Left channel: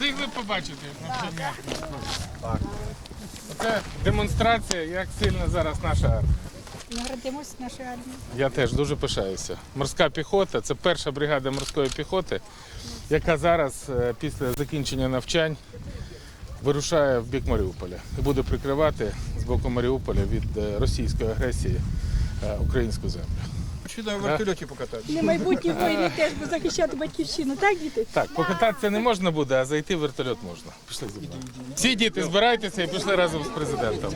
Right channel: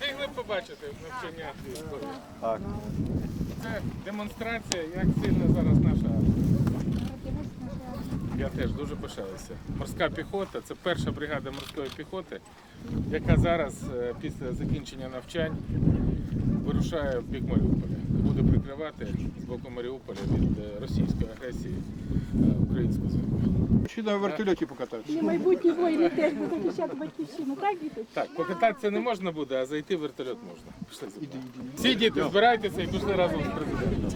хотіли побачити навчання? Так. Це демонстрація, як сильна зараз наша армія. Гордимось нашою армією. Я теж дуже пишаюся. Морська піхота це перша бригада морської піхоти, яка зараз е, після закінчення навчань вирушає в бік Маріуполя і буде прикривати з боку Маріуполя від е, російської агресії е, українську землю. Чи на вертольоті покататися? Не майбутні воїни теж буде захищати батьківщину, так, діти? Так, покататися не можна буде, а зайти в вертольот можна. Пішли з. Всі діти збирайтеся і пішли разом з президентом.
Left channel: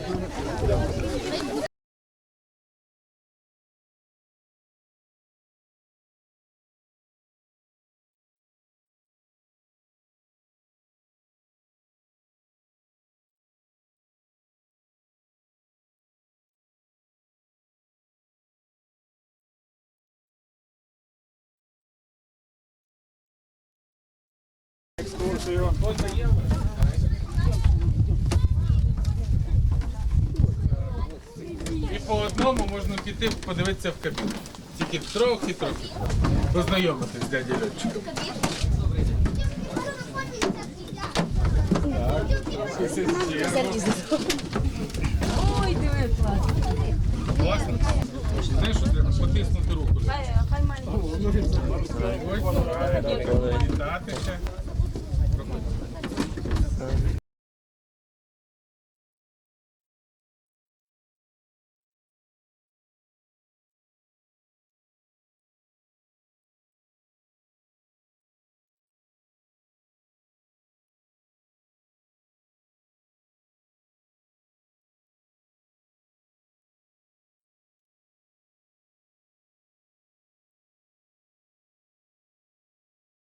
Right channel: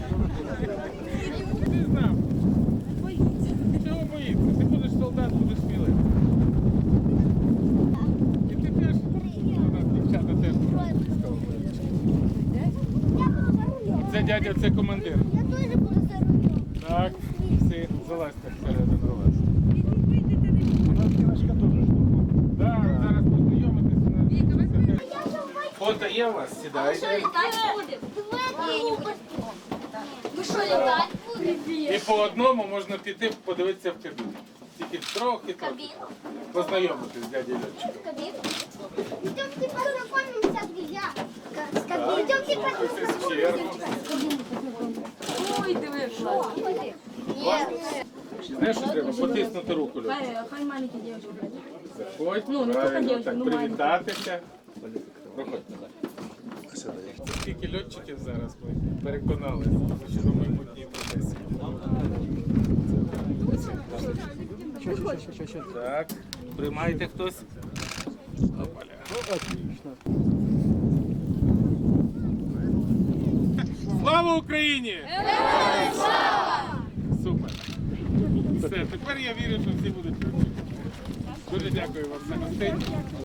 Дядя, це командир. Я тоже буду за рулем. Так, всі, залазьте всередину вас. Так, зараз познайомитися. Фото є у вас? Сідайте. Вы что, летать будете? І по одному можна піти подивитися в кабіну. Тільки трохи трохи. Познайомитись з дядю льотчиком. Ой, диви, так привітатися. Скільки льотчиків зараз ми професії. Так, приймаєте хтось? Опаля. Слава Україні! Супер! Все, тепер я вірю, що всі будуть. Дуже дякую вам за гостей.